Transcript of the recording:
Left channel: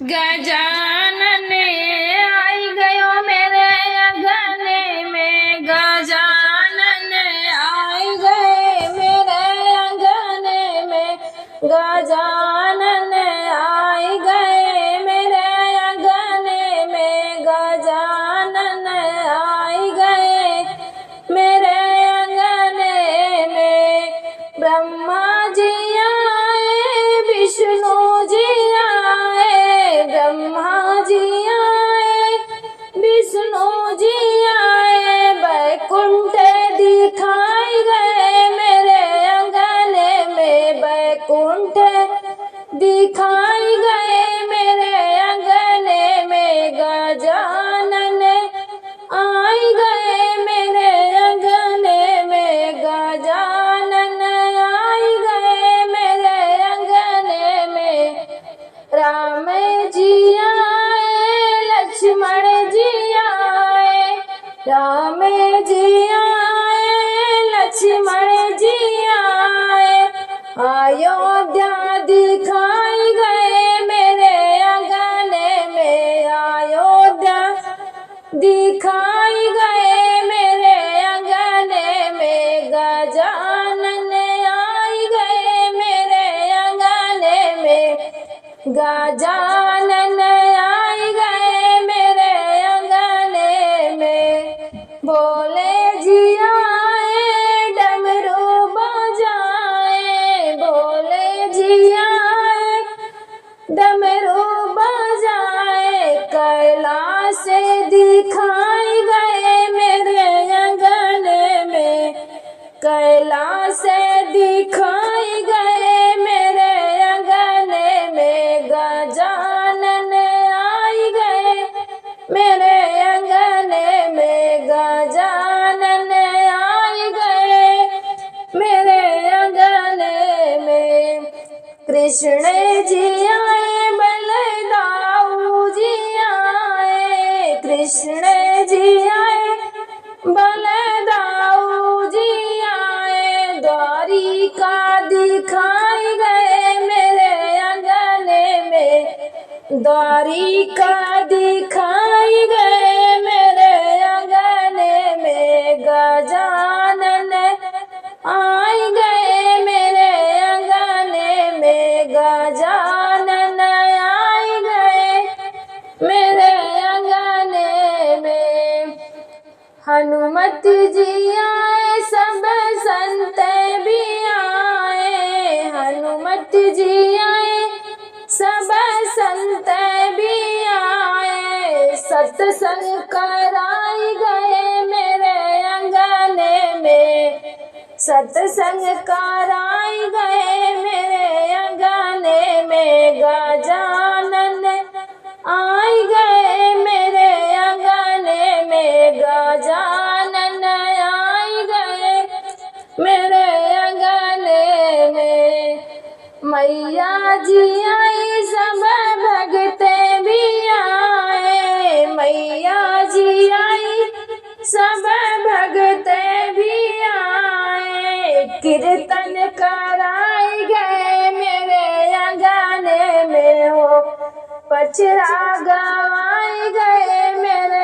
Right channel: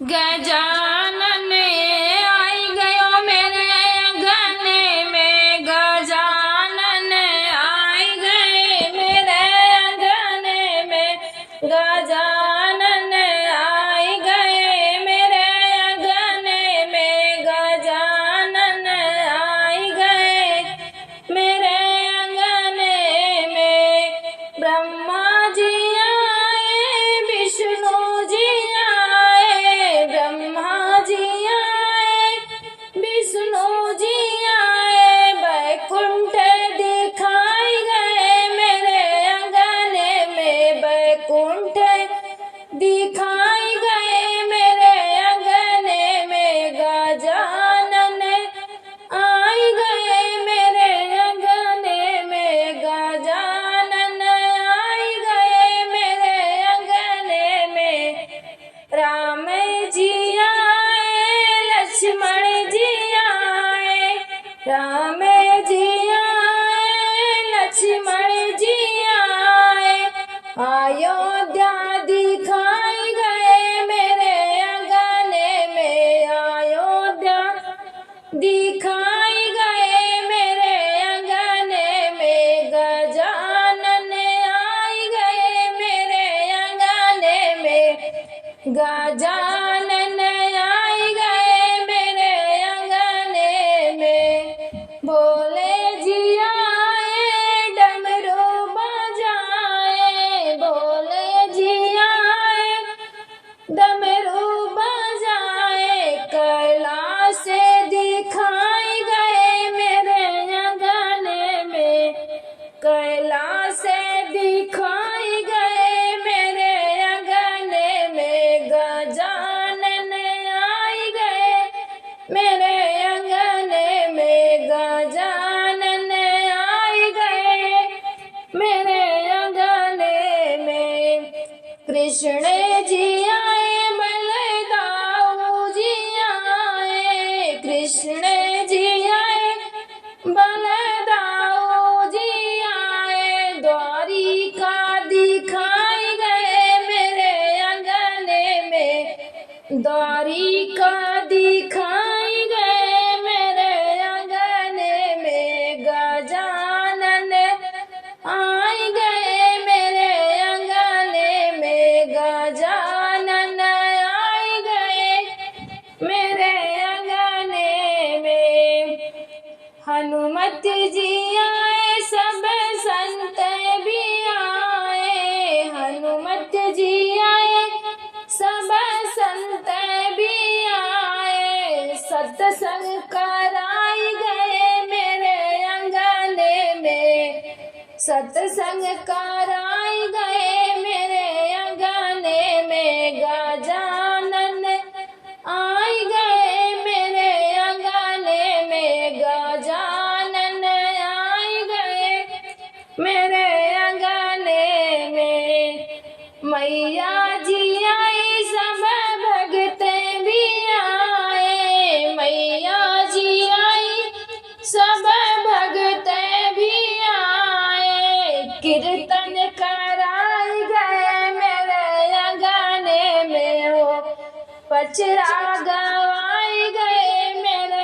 गजानन आई गयो मेरे अंगने में, गजानन आई गए मेरे अंगने में, गजानन आई गए मेरे अंगने में, गजानन आई गए मेरे अंगने में। ब्रह्मा जी आए, विष्णु जी आए, ब्रह्मा जी आए, विष्णु जी आए, बैकुंठ दिखाई गए मेरे अंगने में, बैकुंठ दिखाई गए मेरे अंगने में, गजानन आई गए मेरे अंगने में, गजानन आई गए मेरे अंगने में। राम जी आए, लक्ष्मण जी आए, राम जी आए, लक्ष्मण जी आए, अयोध्या दिखाई गए मेरे अंगने में, अयोध्या दिखाई गए मेरे अंगने में, गजानन आई गए मेरे अंगने में, गजानन आई गए मेरे अंगने में। भोले जी आए, डमरू बजाए, भोले जी आए, डमरू बजाए, कैलाश दिखाई गए मेरे अंगने में, कैलाश दिखाई गए मेरे अंगने में, गजानन आई गए मेरे अंगने में, गजानन आई गए मेरे अंगने में। कृष्ण जी आए, बलदाऊ जी आए, कृष्ण जी आए, बलदाऊ जी आए, द्वारिका दिखाई गए मेरे अंगने में, द्वारिका दिखाई गए मेरे अंगने में, गजानन आई गए मेरे अंगने में, गजानन आई गए मेरे अंगने में। हनुमत जी आए, सब संत भी आए, हनुमत जी आए, सब संत भी आए, सत्संग कराई गए मेरे अंगने में, सत्संग कराई गए मेरे अंगने में, गजानन आई गए मेरे अंगने में, गजानन आई गए मेरे अंगने में। मैया जी आई, सब भगत भी आए, मैया जी आई, सब भगत भी आए, कीर्तन कराई गए मेरे अंगने में हो, पचरा गवाई गए मेरे